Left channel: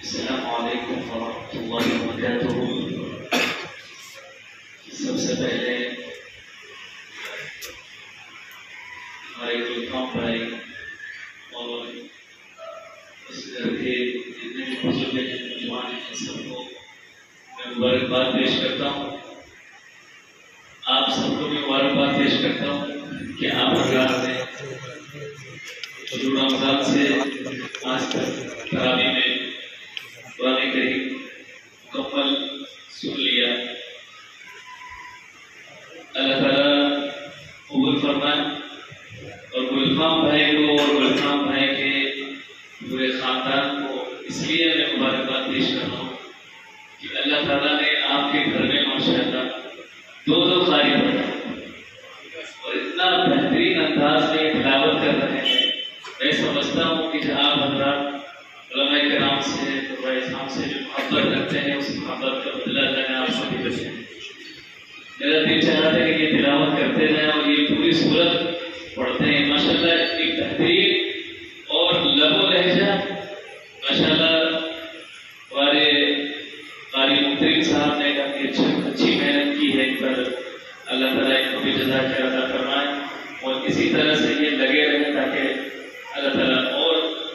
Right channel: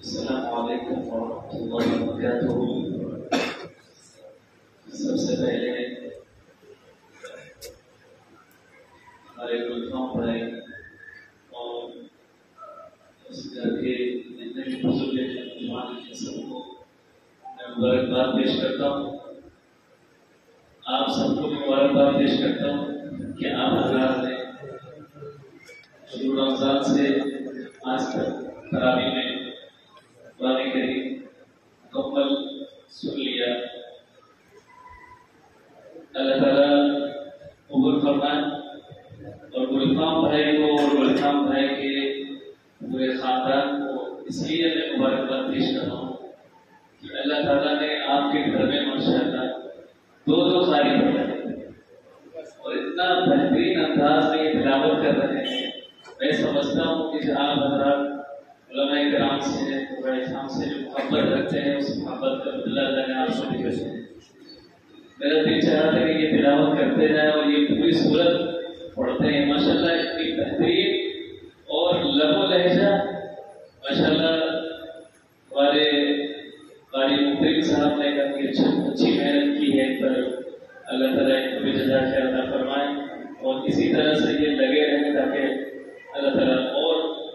السلام علیکم ورحمۃ اللہ وبرکاتہ۔ سب سے پہلے ہمارے گلفام بھائی اور اس گھر کے جتنے بھی بزرگ ہیں، نوجوان ہیں، سب کو میں مبارکباد پیش کرتا ہوں۔ آپ سب کو میں مبارکباد پیش کرتا ہوں کہ آپ حضرات نے شروع رمضان سے آج تک تراویح میں قرآن کریم مکمل سن لیا۔ اللہ تعالیٰ قبول فرمائے، اور گلفام بھائی کو اور گلفام بھائی کے پورے خاندان کو اس لیے میں مبارکباد پیش کر رہا ہوں کہ اللہ تعالیٰ نے آپ کے گھر میں ماشاءاللہ دو قاری بنائے اور اتنا بہترین انداز میں تلاوت کر رہے ہیں۔ میں سمجھتا ہوں کہ جو آپ حضرات علماء کرام سے اسلام سے جو محبت رکھتے ہیں، اس محبت کا بدلہ جانے آپ کو بھی بچے۔ میرا دل چاہتا ہے کہ یہ تلاوت کرتے جائیں اور یہ پوری صورت پڑھتے ہیں۔ ماشاءاللہ ایک بہترین اور لب و لہجہ ماشاءاللہ ہمارے قاری محترم صاحب نے کافی اچھی محنت کی ہے۔ ان پر اللہ تعالیٰ ان کو بھی جزا خیر عطا فرمائے اور اسی طرح سے یہ لگے رہیں تاکہ اللہ تعالیٰ اور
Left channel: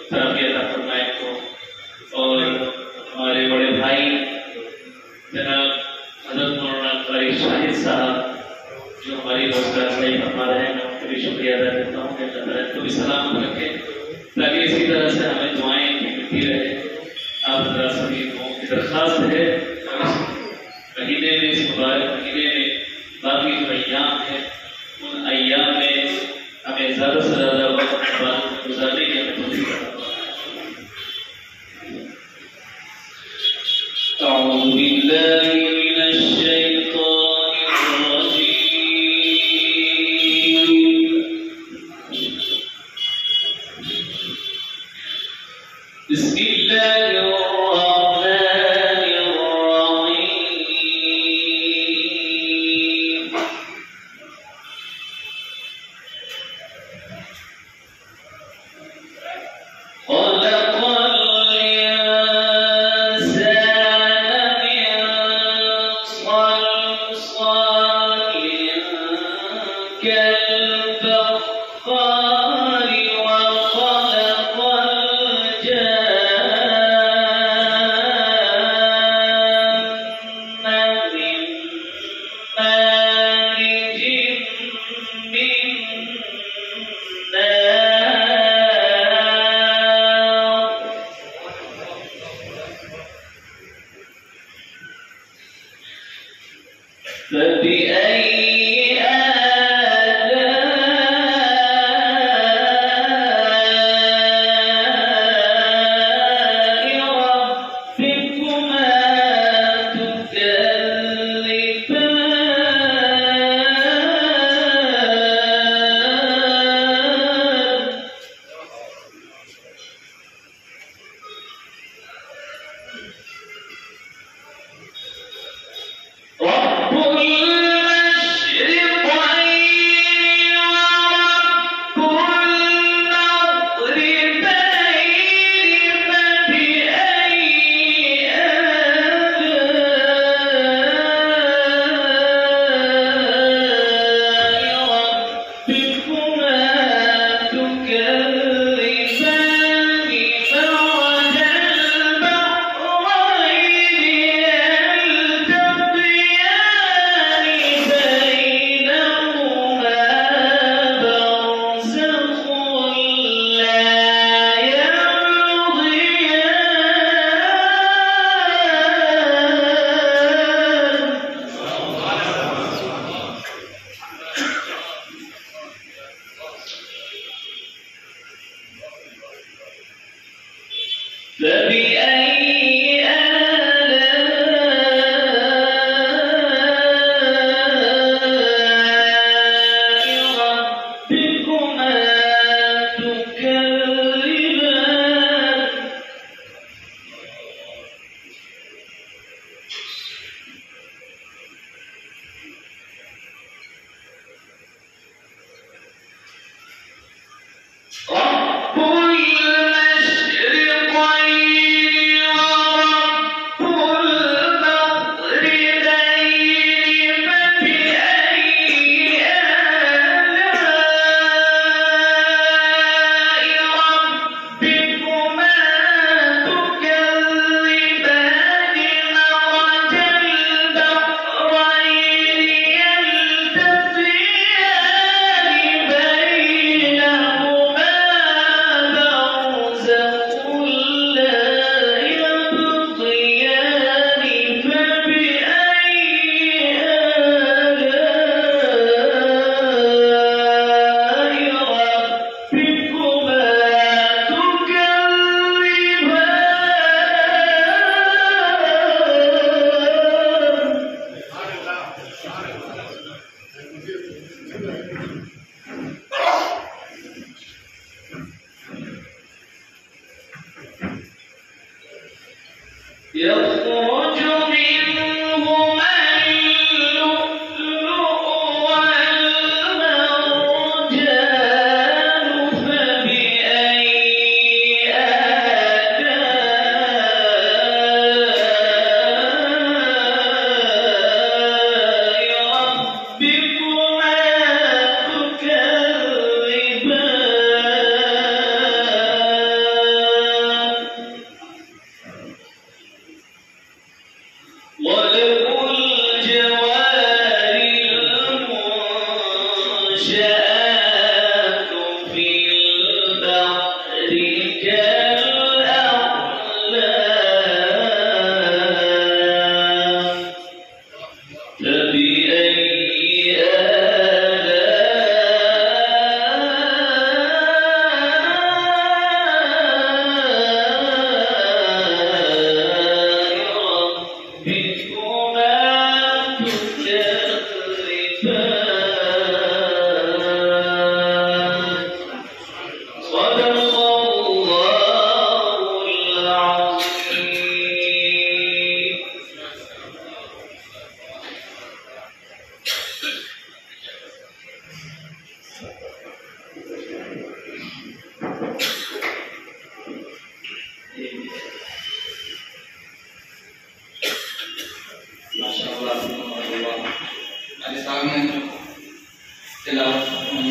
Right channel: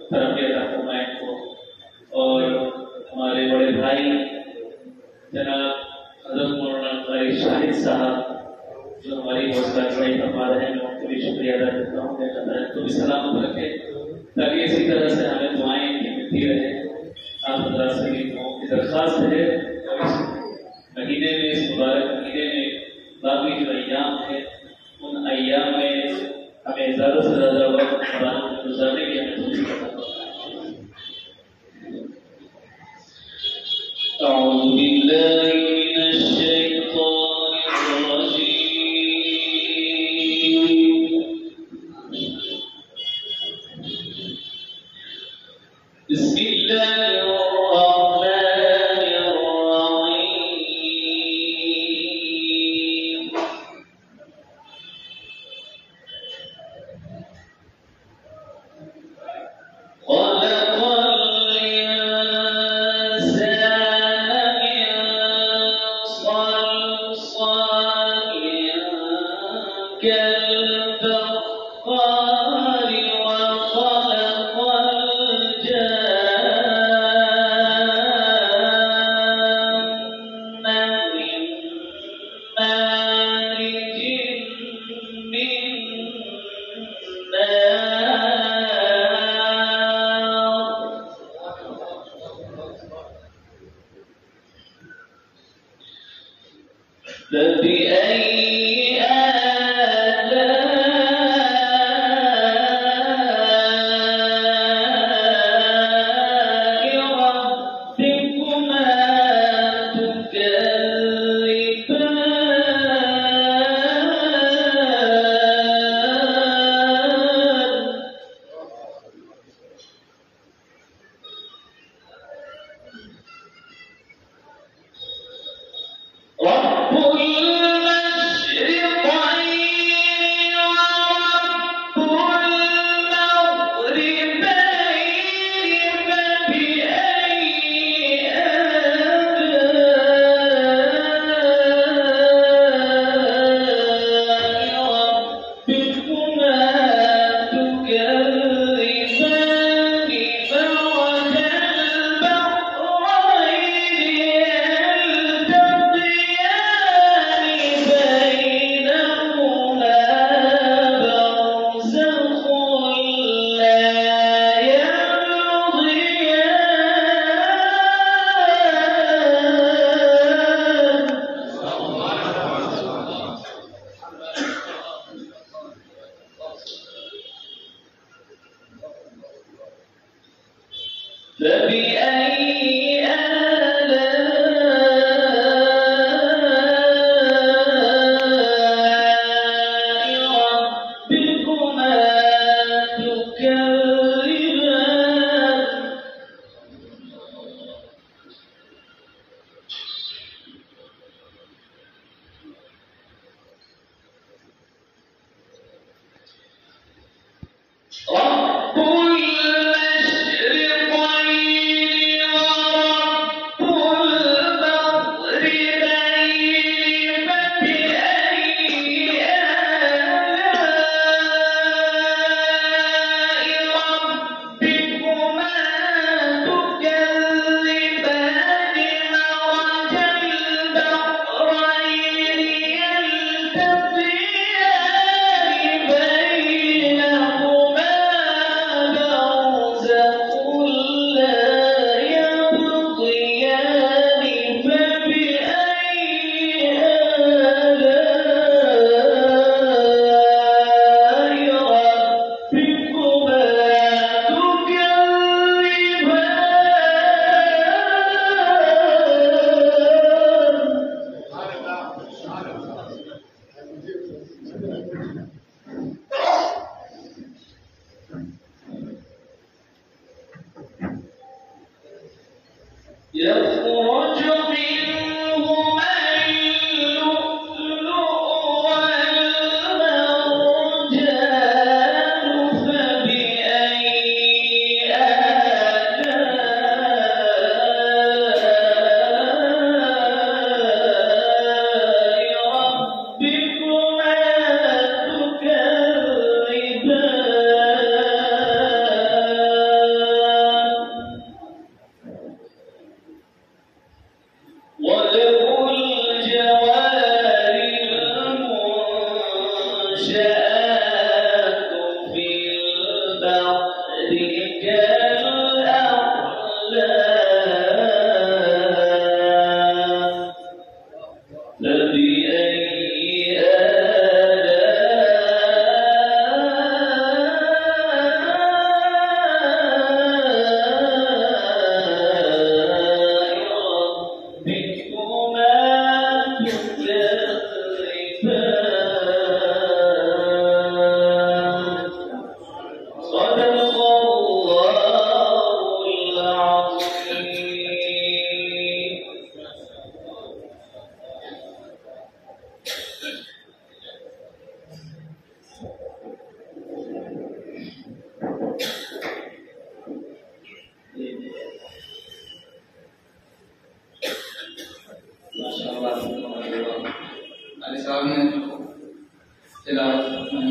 ترقی عطا فرمائے ان کو۔ اور ہمارے بڑے بھائی جناب حضرت مولانا قاری شاہد صاحب جو ہماری روزگار صحیح فرما رہے ہیں، میں ان کو بھی شکریہ ادا کرتا ہوں کہ اللہ تعالیٰ ان کو بھی سلامت رکھے تاکہ اسی طرح سے ہمیں دعائیں ملتی رہے۔ آپ حضرات سبھی کو درخواست ہے اور اس مہینے میں، اس مبارک مہینے میں باقی جو ایام ہے، ان ایام میں ہمیں زیادہ سے زیادہ وقت عبادت میں گزارنے کی ہمیں توفیق عطا فرمائے۔ اعوذ باللہ من الشیطان الرجیم، بسم اللہ الرحمن الرحیم۔ خلق الإنسان من صلصال كالفخار وخلق الجان من مارج من نار فبأي آلاء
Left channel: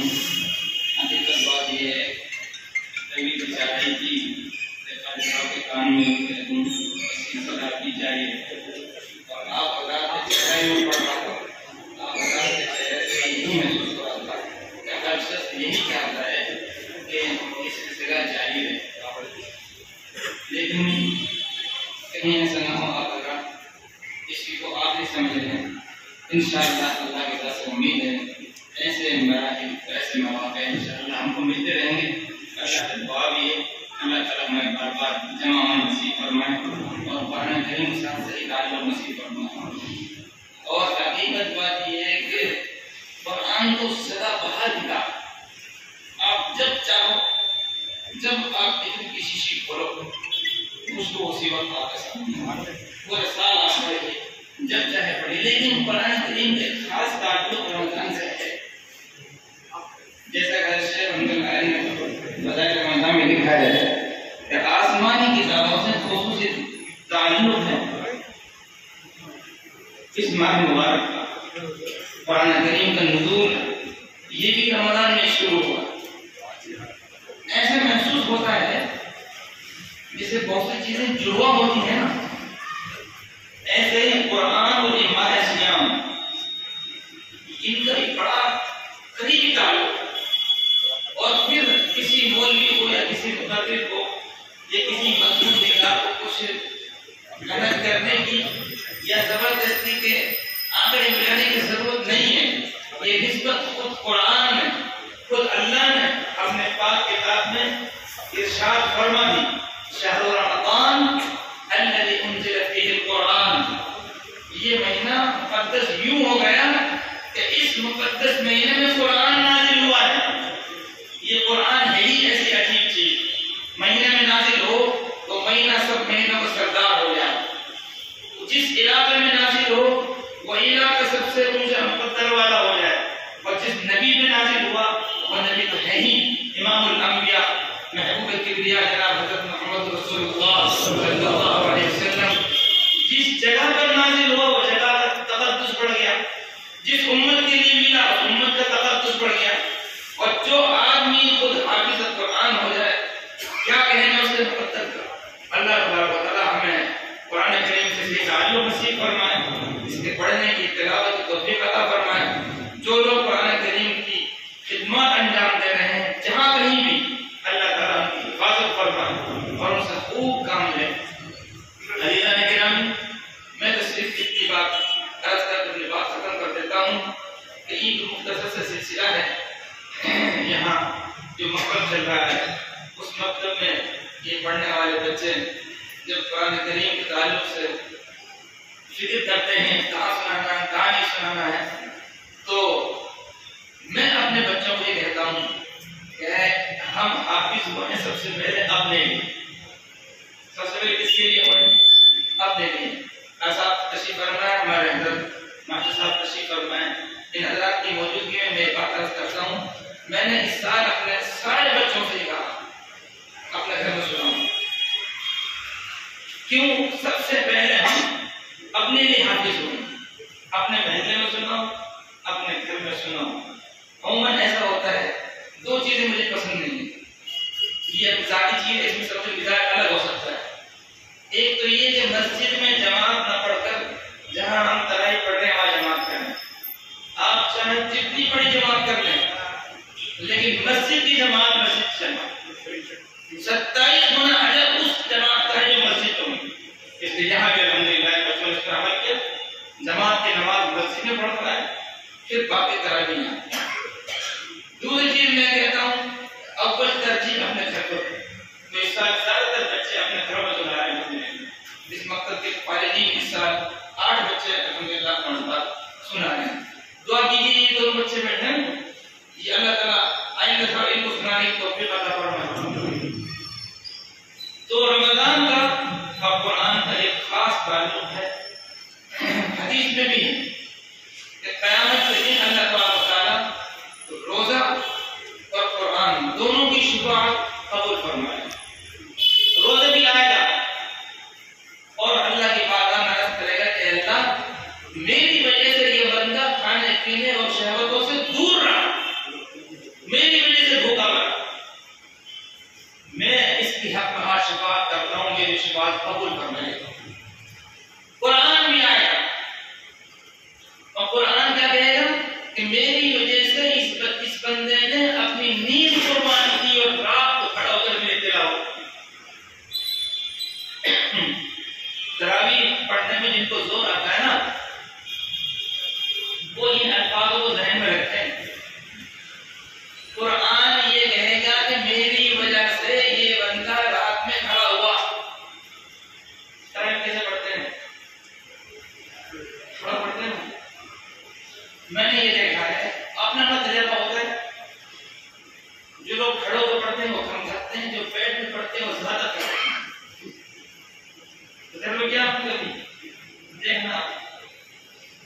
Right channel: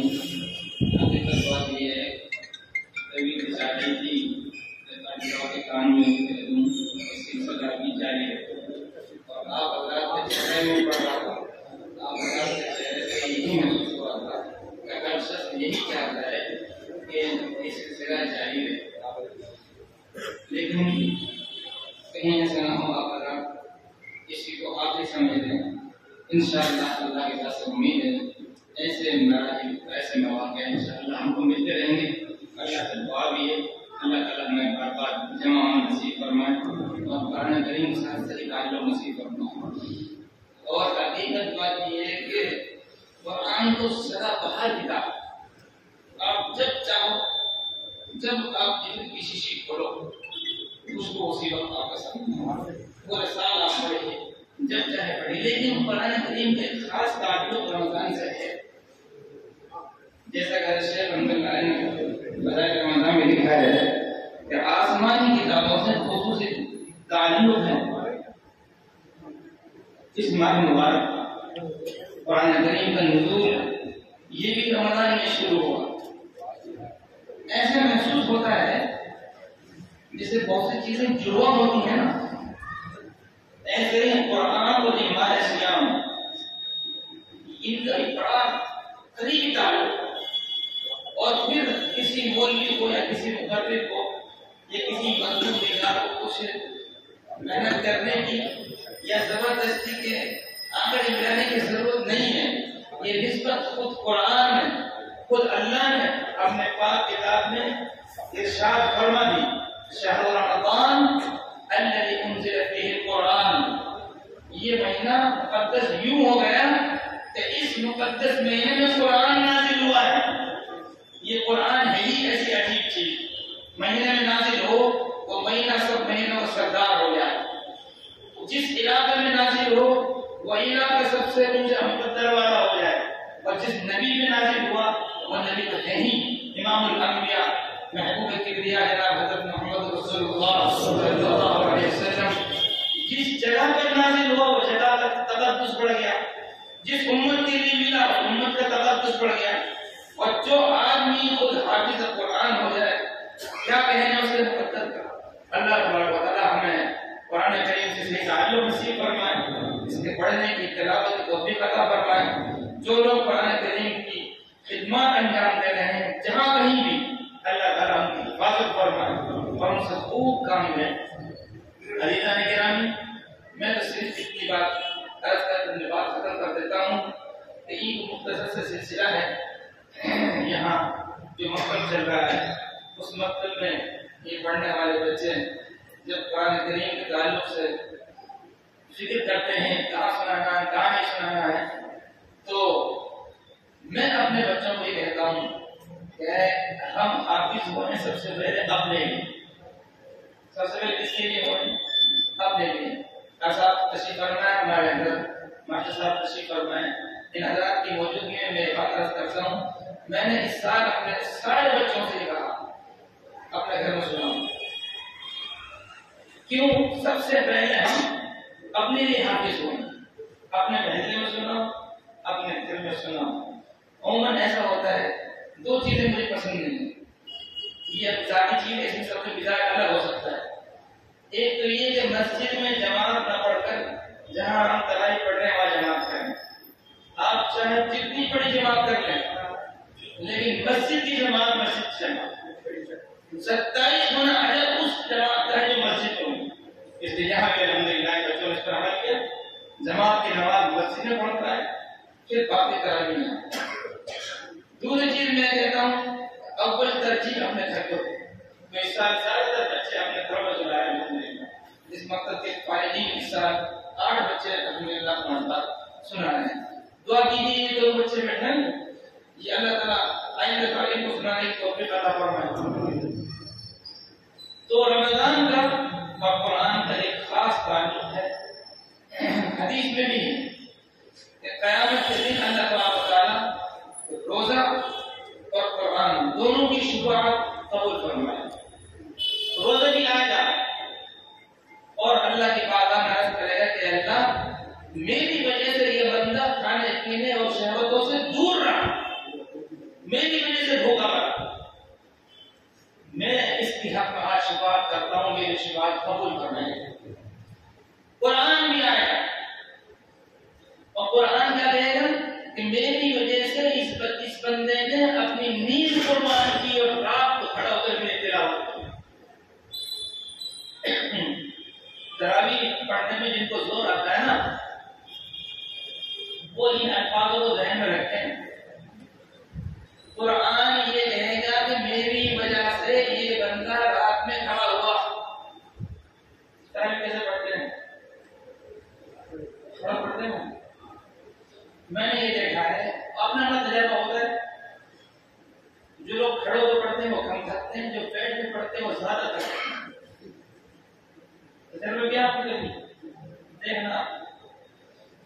ہیں. حقیقت بات یہ ہے کبھی بیچارے کی کے کام میں اس کی سزا دی جائے اور آپ حضرات کے چہرے میں آپ حضرات کے چہرے سے یہی محسوس ہو رہا تھا کہ ہر شخص یہی چاہتا ہے کہ اس کی سزا جاری رہے. لیکن کہیں ایسا نہ ہو آپ حضرات اسی کو آپ ہی سمجھ لیں. انشاءاللہ اللہ کی طرف سے امید ہے ایسے مراحل ایسے مواقع انشاءاللہ ہم کو ملتے رہیں گے. اللہ کا دعا بھی ہے اللہ تعالیٰ ہمیں بار بار جمع نصیب فرمائے اور قرآن کریم کے ساتھ صحیح تعلق نصیب فرمائے. اور حقیقت بات یہ ہے کہ قرآن تو سدا بہار کتاب. آپ جب چاہو جب آپ کی شیشی کھولو اس کو اسی وقت آپ کے سامنے پورے سال آپ پڑھیے جب چاہے پڑھیے. لیکن قرآن کریم کا ایک خاص تعلق رمضان سے ہے. جیسا کہ شیخ رحمۃ اللہ علیہ نے بتایا رمضان میں لکھا ہے کہ آسمانی کتابوں سے خصوصی تعلق ہے اس ماہ مبارک کا. قرآن کریم کا نزول یہ بھی رمضان میں شروع ہوا. ایسے محسوس ہوتا ہے جسے بہت سی چیزیں جڑوا ہوتی ہیں نا ایسے قرآن اور ماہ سیام ان کا ایک بڑا قریبی تعلق. اور پھر کسی مولوی کو یا کسی مقرر کو یا کسی مضمون نگار کو کچھ محنت کرنے کی یا زبردستی کے آنکڑے ملانے کی ضرورت نہیں ہے. یہ نسبت خود قرآن نے خود اللہ نے اپنے پاک کتاب میں ارشاد فرما دی. شہر رمضان الذی انزل فیہ القرآن. یہ مہینہ مقدس یوں ہو گیا کہ اس مقدس مہینے میں قرآن نازل ہوا ہے. یہ قرآن ہے ہی ایسی عجیب چیز. مہینے میں نازل ہو تو مہینہ سب مہینوں کا سردار ہو جائے. جس علاقے میں نازل ہو وہ علاقہ سب سے اونچا مقدر والا ہو جائے. اور جس نبی میں نازل ہوا وہ نبی تو ہے ہی امام الانبیاء محبوب کبریا جناب حضرت محمد رسول اللہ صلی اللہ علیہ وسلم. جس جگہ پر نازل ہوا وہ جگہ کا تقدس بڑھ گیا. جس امت کے لیے ملا اس امت کا تقدس بڑھ گیا. اور جو آدمی خود حافظ قرآن ہو جائے کیا کہنے اس کے مقدر کا. اللہ تبارک و تعالی ہمیں قرآن کریم سے صحیح تعلق نصیب فرمائے. اس کے پڑھنے کی تلاوت کی توفیق عطا فرمائے. جو لوگ قرآن کریم کی خدمات انجام دے رہے ہیں جہاں کہیں بھی اللہ تعالیٰ ان کی حفاظت فرمائے اور ان سے خوب کام لے. عزیزان گرامی میں تو صرف اتنی بات عرض کر کے اپنی بات ختم کر دیتا ہوں کہ عید مختصر سے سلسلہ ہے. یہاں جو مکتب چل رہا ہے اس مکتب میں یہ پڑھنے والے بچے جب قرآن کریم کے تعلق سے فکر کرتے ہیں کہاں سنانا ہے کہاں نہیں سنانا ہے تو میں اپنے بچوں کو یہ کہتا ہوں کہ ہم حافظ ہوئے سب سے پہلے اپنے لیے. سب سے پہلے کس کے لیے ہوئے؟ اپنے لیے. ایسا تشریف فرمائیں ہمارے حضرت ماشاء صاحب تشریف فرمائیں. ان حضرات کی موجودگی میں میں بات عرض کرتا ہوں میں نے اس سال اپنے سارے بچوں سے یہ کہا اپنے گھر میں سناؤں. کیوں؟ سب سے پہلے ہم اپنے لیے حافظ ہوں. اپنے محلے میں سناؤ اپنے گھر میں سناؤ. عموماً ایسا ہوتا ہے دو چیزیں مجھے پسند نہیں ہیں. یہ ذاتی چیز ہے اس میں سب سے مزاج الگ ہو سکتا ہے. ایک تو یہ کہ مسجد میں جماعت نہ پڑھ کر جہاں ہم ترائی پڑھ رہے ہیں وہاں جماعت کریں. آپ چاہے جتنی بڑی جماعت کر لیں لیکن مسجد کی جماعت مسجد جماعت 27 گنا اجر اس جماعت کا جو مسجد ہوگی. اس لیے یہاں پہ الحمدللہ بچوں نے اس پر عمل کیا. جماعت کی نماز مسجد میں پڑھ کر آئے پھر باقی تراویح ہیں. دوسری چیز میں کہتا ہوں اول ترجیح اپنے گھر کو دیں. میں اس سال زیادہ تر بچے اپنے گھروں میں سنا رہے ہیں. اس مقصد کے فارغین اس سال 8 بچے الحمدللہ پڑھتا سنا رہے ہیں. دعا کیجیے یہ دو بچے بیٹھے ہیں یہ اللہ تعالیٰ آئندہ سال ان کو سنانے کی توفیق عطا فرمائے. تو رمضان کا اور قرآن کا ایک خاص تعلق ہے. حدیث میں بھی ہے کہ قیامت کے دن اللہ تبارک و تعالیٰ روزہ اور قرآن دونوں کی شفاعت قبول فرمائے. روزہ بھی لگائے گا اور اللہ کی بارگاہ میں عرض کرے گا کہ اللہ میری وجہ سے یہ بندہ کھانے پینے اور شہوتوں سے دور رہا. طریقے سے دھوکہ کرا. میں اس کی حق میں آج شفاعت کرتا ہوں، میری شفاعت قبول فرمائے. قرآن بھی آئے گا اور قرآن کیا کہے گا کہ میری وجہ سے اس بندے نے اپنی نیند قربان کی اور رات کو کھڑا ہو کر میری تلاوت کی. تراویح پڑھنے میں جن کو زور آتا ہے نا وہ ان الفاظوں کو ذہن میں رکھتے ہیں. قرآن یہ کہے گا کہ میری وجہ سے یہ بندہ رات میں کھڑا ہوا. تراویح کیسے پڑھتے ہیں؟ تھوڑا پڑھتے ہیں. میں نے یہ دیکھا ہے، آپ نے اپنا تجربہ ہوتا ہے، جو لوگ کھڑے ہو کر پڑھتے ہیں وہ کم کرتے ہیں، جو بیٹھ میں پڑھتے ہیں وہ زیادہ کرتے ہیں. تجربہ کیا آپ نے کبھی دیکھنا،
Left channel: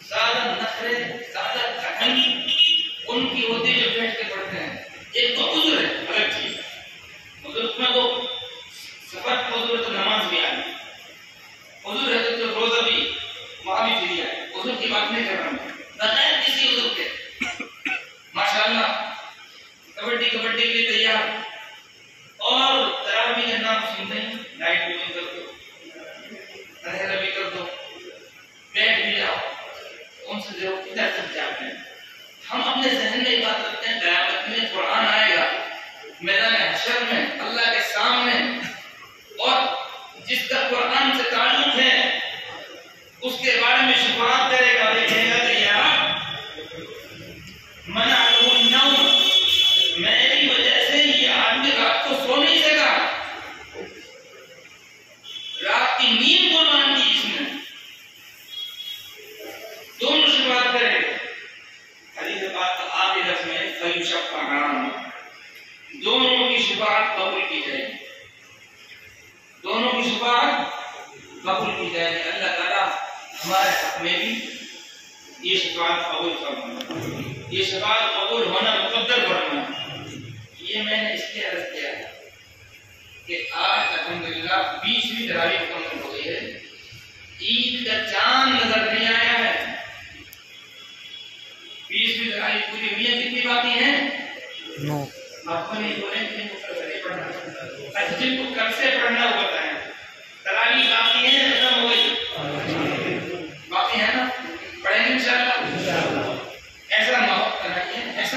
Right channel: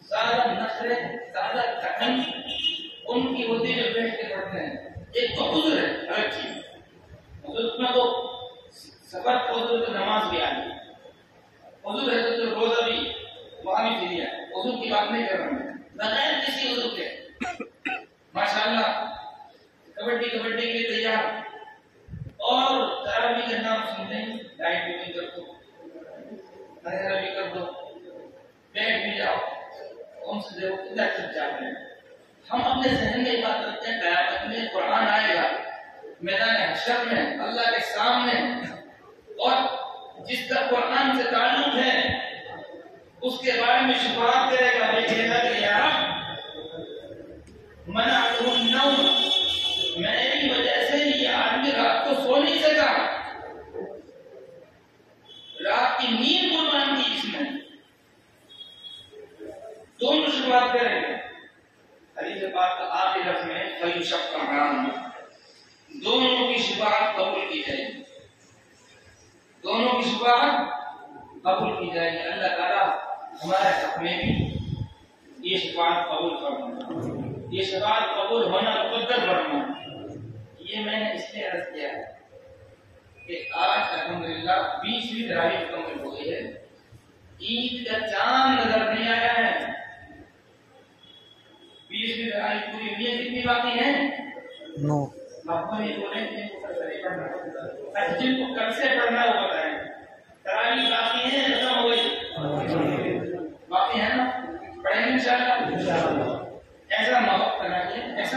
زیادہ نخرے، زیادہ تھکن ان کی ہوتی ہے جو بیٹھ کے پڑھتے ہیں. ایک تو عذر ہے، الگ چیز. عذر میں تو سفر عذر ہے تو نماز بھی آ گئی، عذر ہے تو روزہ بھی وہاں بھی فری ہے. عذر کی بات نہیں کر رہا میں، بغیر کسی عذر کے ماشاءاللہ کبڈی کے لیے تیار. اور تراویح کا نام سنتے ہی لائٹ بھی بند کر دو، اندھیرا بھی کر دو، بیٹھ بھی جاؤ. ان سے دیکھو کدھر تک جاتے ہیں. ہم اپنے ذہن میں یہ بات رکھتے ہیں قیامت میں قرآن آئے گا میدان حشر میں اللہ کے سامنے، اور جس کا قرآن سے تعلق ہے اس کے بارے میں شفاعت کرے گا. یہ کہے گا کہ یا رب منعته النوم، میری وجہ سے یہ آدمی رات کو سو نہیں سکا، رات کی نیند قربان کی اس نے. دونوں شفاعت کریں گے. حدیث پاک کا آخری لفظ میں فیشفعان، دونوں کی شفاعت قبول کی جائے گی. دونوں کی شفاعت قبول کی جائے گی. اللہ تعالیٰ ہمارے حق میں بھی یہ شفاعت قبول فرمائے، یہ شفاعت قبول ہونا مقدر فرمائے. یہ میں نے اس لیے عرض کیا ہے کہ آج الحمدللہ 20ویں تراویح مکمل ہو گئی ہے. عید کا چاند نظر نہیں آیا ہے. 20ویں تراویح پوری ہوئی ہے. کتنی باقی ہیں؟ 9. آپ کو نہیں بولیں کہ ان کو کل سے پڑھنا ہے. جن کو کل سے پڑھنا وہ بتائیں. تراویح باقی ہیں، ختم ہو گئی؟ باقی ہے نا؟ پڑھیں گے انشاءاللہ. ایسا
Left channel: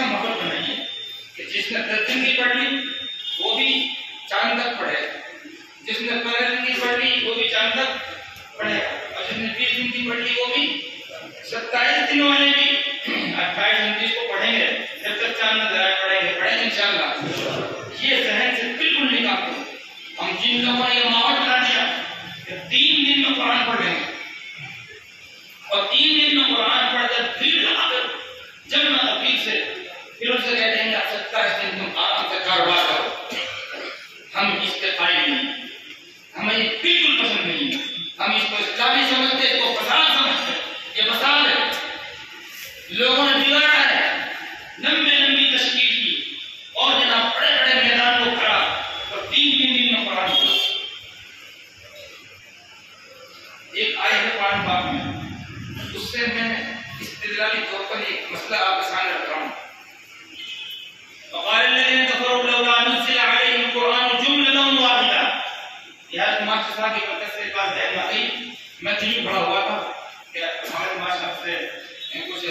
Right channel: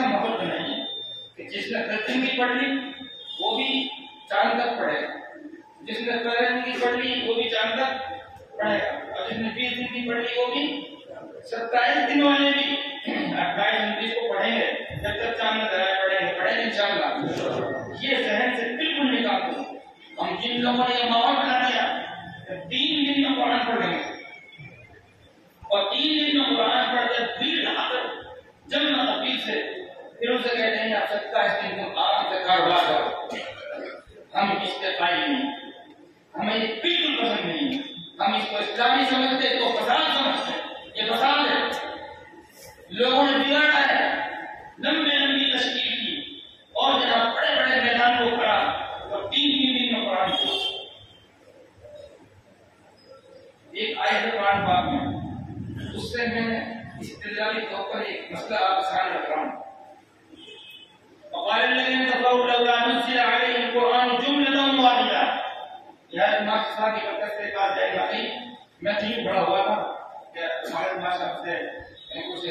ماحول بنائیے کہ جس نے 10 دن کی پڑھ لی وہ بھی چاند تک پڑھے، جس نے 15 دن کی پڑھ لی وہ بھی چاند تک پڑھے گا، اور جس نے 20 دن کی پڑھ لی وہ بھی 27 دن والے بھی 28 29 کو پڑھیں گے جب تک چاند نظر آئے. پڑھیں گے انشاءاللہ. یہ ذہن سے بالکل نکال دو. ہم جن لوگوں نے یہ ماحول بنا دیا کہ 3 دن میں قرآن پڑھ لیں گے اور 3 دن میں قرآن پڑھ کر پھر آ کر جمع تفصیل سے پھر اسے کہتے ہیں آپ 27 دن تم آرام سے کاروبار کرو. ہم اس کے قائل نہیں، ہمیں یہ بالکل پسند نہیں ہے. ہم اس کو اسلامی سمجھتے، اس کو فساد سمجھتے. یہ فساد ہے، لوگوں نے بگاڑا ہے. لمبی تشکیل کی اور جناب بڑے میدان کو کھڑا اور 3 دن میں قرآن پڑھا. ایک آیت ہے قرآن پاک میں، اس سے میں استدلالی طور پر ایک مسئلہ آپ کے سامنے رکھ رہا ہوں. وقال الذين كفروا لولا نزل عليه القرآن جملة واحدة. یہ ماشاء صاحب کی برکت سے بات ذہن آ گئی. میں ٹی پڑھا ہوا تھا کہ ہمارے ماشاء سے کچھ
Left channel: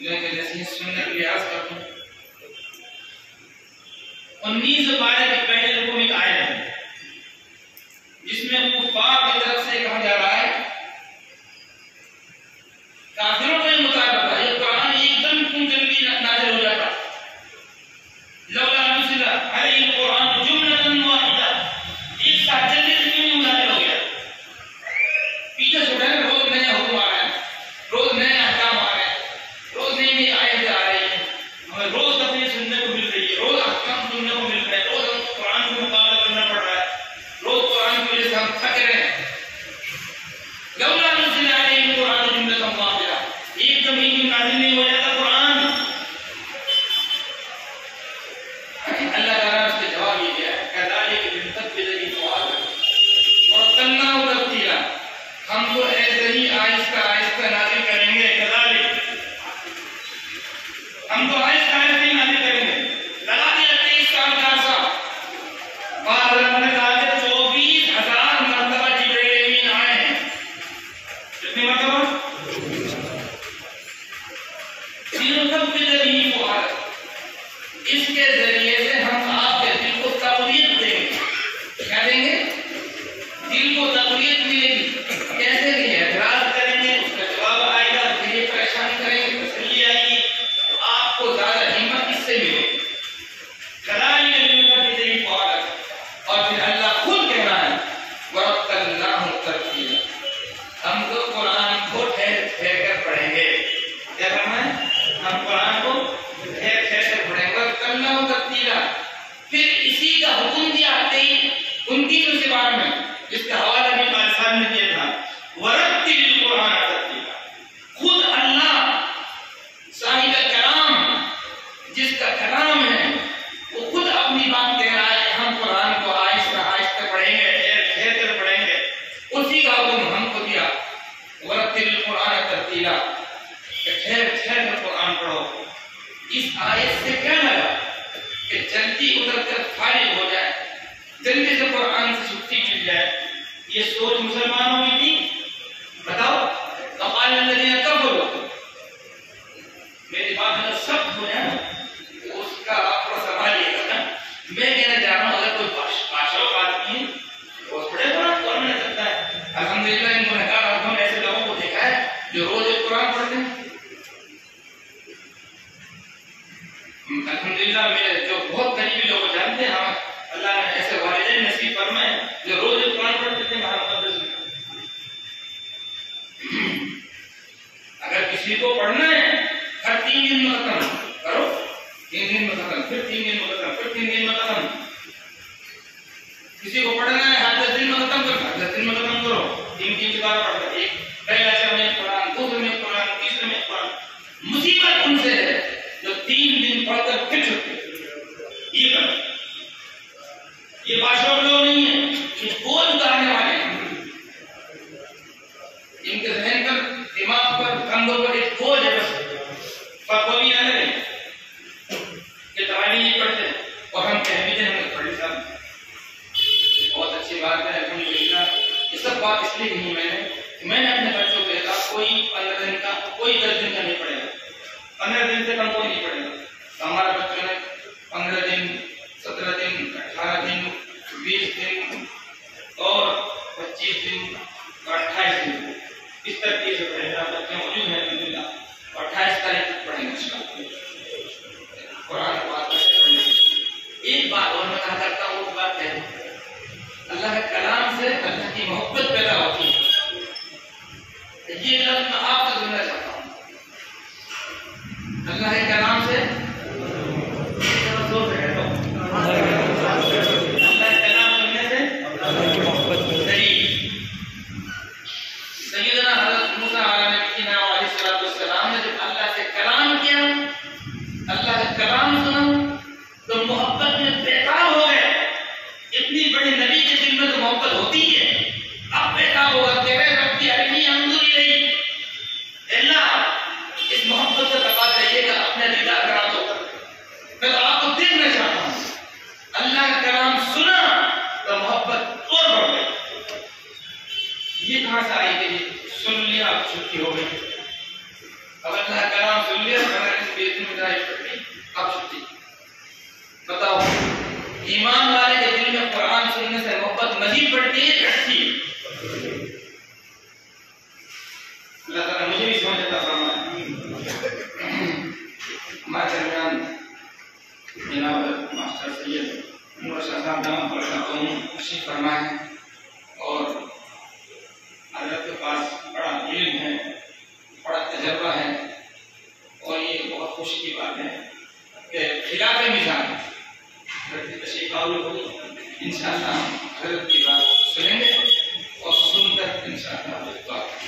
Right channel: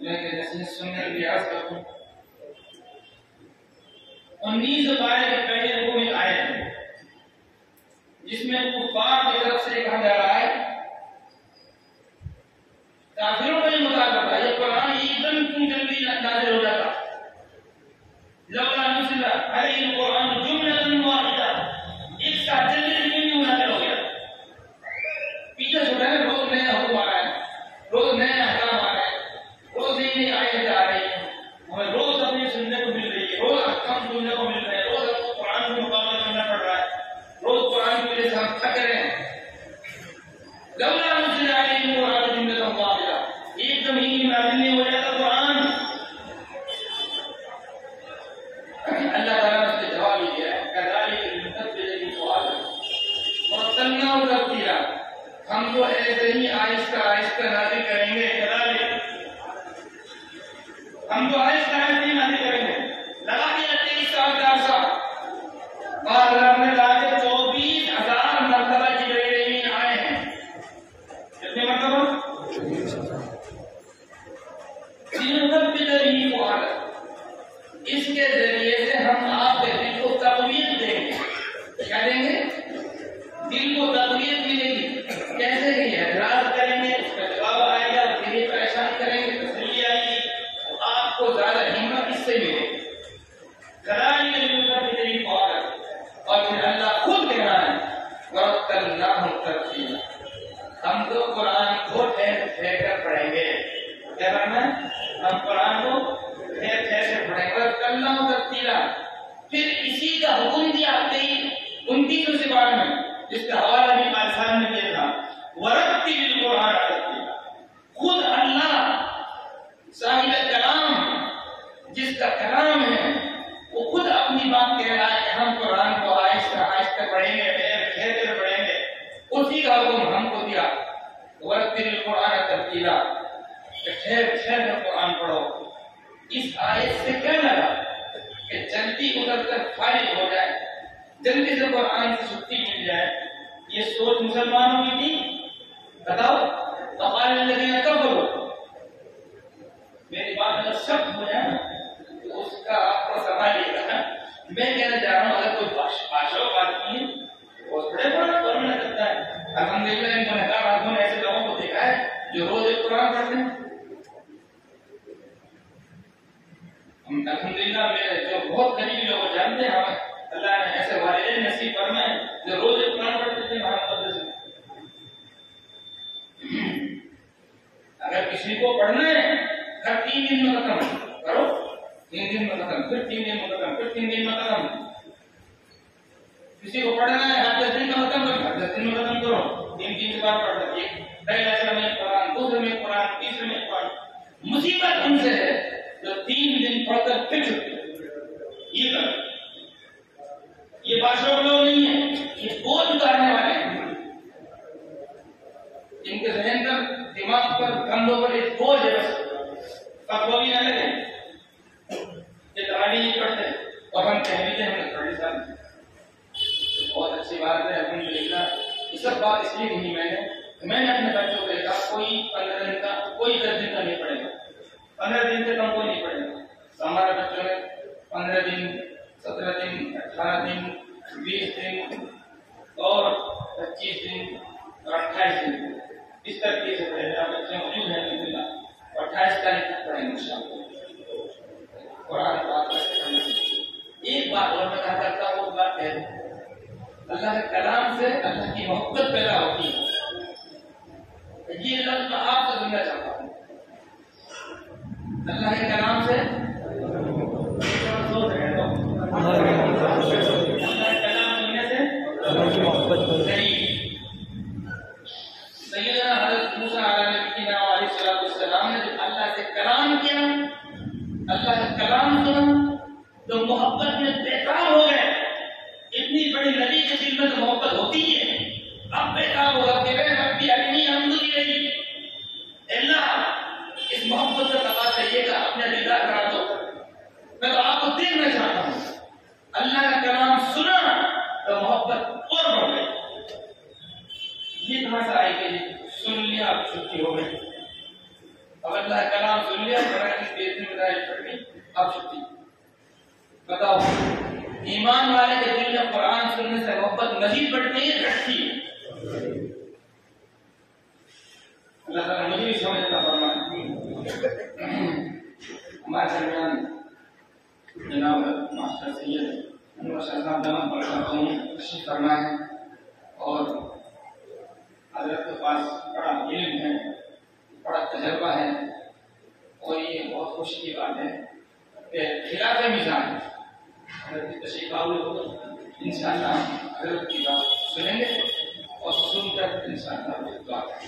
نصیحت سننے کے لیے عرض کرتا ہوں. 19 پارے کے پہلے رکوع میں ایک آیت ہے جس میں کفار کی طرف سے کہا جا رہا ہے، کافروں کا یہ مطالبہ ہے یہ قرآن ایک دم کیوں جلدی نازل ہو جاتا. لولا نزل علیہ القرآن جملۃ واحدہ، ایک ساتھ جلدی سے کیوں نازل ہو گیا. پیچھے چھوڑا ہے، روز نیا حکم آ رہا ہے، روز نیا احکام آ رہا ہے، روز نئی آیتیں آ رہی ہیں، ہمیں روز تفسیر سننے کو مل رہی ہے، روز احکام سننے کو مل رہے ہیں، روز ہم قرآن سے مقابلہ کرنا پڑ رہا ہے، روز قرآن کی وجہ سے ہم تھک رہے ہیں. لولا نزل علیہ القرآن جملۃ واحدہ، ایک دم ہی نازل نہیں ہو جاتا قرآن. اللہ تعالیٰ نے اس کے ذریعے سے ہم آپ کے دل کو تقویت دیں گے. کیا دیں گے؟ دل کو تقویت ملے گی. کیسے کہ اعتراض کریں گے اس کا جواب آئے گا، پھر یہ پریشان کریں گے تسلی آئے گی، تو آپ کو زیادہ ہمت اس سے ملے گی. کذالک لنثبت به فؤادک. اور پھر اللہ خود کہہ رہا ہے وَرَتَّلْنَاهُ تَرْتِيلًا. ہم تو قرآن کو ٹھہر ٹھہر کر پڑھیں گے. کیا کرنا ہے؟ ہم قرآن کو ٹھہر ٹھہر کر پڑھیں گے. وَرَتَّلْنَاهُ تَرْتِيلًا. پھر اسی کا حکم دیا 29 سے بار میں، جس کا حوالہ بھی مال صاحب نے دیا تھا. وَرَتِّلِ الْقُرْآنَ تَرْتِيلًا. خود اللہ صاحب کلام، جس کا کلام ہے، وہ خود اپنی بات کہہ رہا ہے کہ ہم قرآن کو آہستہ آہستہ پڑھیں گے، ٹھہر ٹھہر کر پڑھیں گے. اسی کا حکم ہم کو دیا وَرَتِّلِ الْقُرْآنَ تَرْتِيلًا، کہ ٹھہر ٹھہر کر قرآن پڑھو. اس آیت سے کیا لگا کہ جلدی ادھر کر فارغ ہو جائے، جلدی سے قرآن سے چھٹی مل جائے. یہ سوچ مسلمانوں کی تھی. بتاؤ فَقَالَ الَّذِينَ كَفَرُوا. میری بات اگر سخت ہو جائے تو اس کا آپ کو سنبھالیے گا نا. میں کہنا چاہ رہا ہوں اگر کوئی بادشاہ آدمی ہے بہت بڑے قرآن کو پڑھ سکتا ہے. الحمدللہ ان کو نکال آدھوں نے ایسے لوگوں کو دیکھا ہے جو روز ایک قرآن پڑھتے ہیں. الحمدللہ میرے جو بہت قریبی لوگ جانتے ہیں، ہم اللہ نے ایسے والدین نصیب فرمائے جو روز ایک قرآن پڑھتے تھے. اگر کسی کو پڑھنا ہے ہر 3 دن میں ختم کرو، 3 دن میں ختم، پھر 3 دن میں ختم، پھر 3 دن میں ختم. کسی کو پڑھنا ہے ہر 10 دن میں ختم کرو، ہر 10 دن میں ختم کرو. 3 بار پڑھنا. ایک پہلا شب میں قرآن، دوسرے میں قرآن، تیسرے میں قرآن. مصیبت ان سے ہے جو 3 دن پڑھ کر پھر چھوڑتے. یہ کرو. یہ بادشاہ لوگ نہیں ہیں، یہ بوجھ اتارنے والے ہیں. ان کے ذہن پر، دماغ پر، کندھوں پر ایک بوجھ ہے. بس فتوی نہ لگے کہ تعلیم یہ پڑھتے ہیں اور ہم کہہ بھی دیں ہم نے پڑھ لی. صاحب بہت اچھی بات ہے الحمدللہ. یہ سب بات اس لیے کہی میں نے اپنے بچوں کو کہا کوئی 15 دن کا، کوئی 10 دن کا نہیں پڑھے گا. 15 دن سے کم کوئی نہیں پڑھے گا. تو ہمارے بچوں نے 15 دن، 17 دن، 18 دن، 20 دن اور 25 دن اور 28 دن اس ترتیب سے پڑھے. بچے موجود ہیں الحمدللہ، اور 28 تاریخ تک پڑھیں گے انشاءاللہ قرآن پاک پڑھنے. ایک بات اور میں کہا کرتا ہوں، وہ بات ہے اللہ کے کلام سے اللہ کی محبت پیدا ہوتی ہے. یہ لفظ میں آپ سے سننا چاہتا ہوں. اللہ کے کلام سے اللہ کے کلام سننے سے اللہ کی محبت قریب. سیدنا حضرت موسیٰ علیہ السلام نے جب اللہ سے کلام کیا، اللہ کا کلام سنا تو محبت میں بےتاب ہو گئے. اتنی بڑی نبی کے دل میں تو محبت ہوتی ہے، اب بےتاب ہوگا کہ ربی ارنی انظر الیک. اللہ اس محبت سے تقاضا یہ کہ اپنے دیدار کرا دو، میں تو آپ کو دیکھنا چاہتا ہوں. اللہ کا کلام سنا تو محبت اور بڑھ گئی. یہ کہاں سے آئی کہ سن لیا اب چھٹی ہو گئی؟ اب اللہ کا کلام سن لیا، اب چھٹی. بتاؤ ایمان والے کے دل میں قرآن سننے سے محبت مزید بڑھتی ہے گھٹتی ہے؟ اللہ تعالیٰ مجھے بھی سمجھ عطا فرمائے. ہمارے درمیان جناب ماسٹر سید انور شاہ صاحب دامت برکاتہ تشریف فرمائے ہیں، اور حضرت کے پاس بڑا علم ہے، بڑا تجربہ ہے، اور یہ بہت خوشی کی بات ہے کہ خلاف مزاج حضرت کی تشریف آوری ہوگی. انشاءاللہ حضرت کی بات سنیں گے اور سن کر انشاءاللہ بات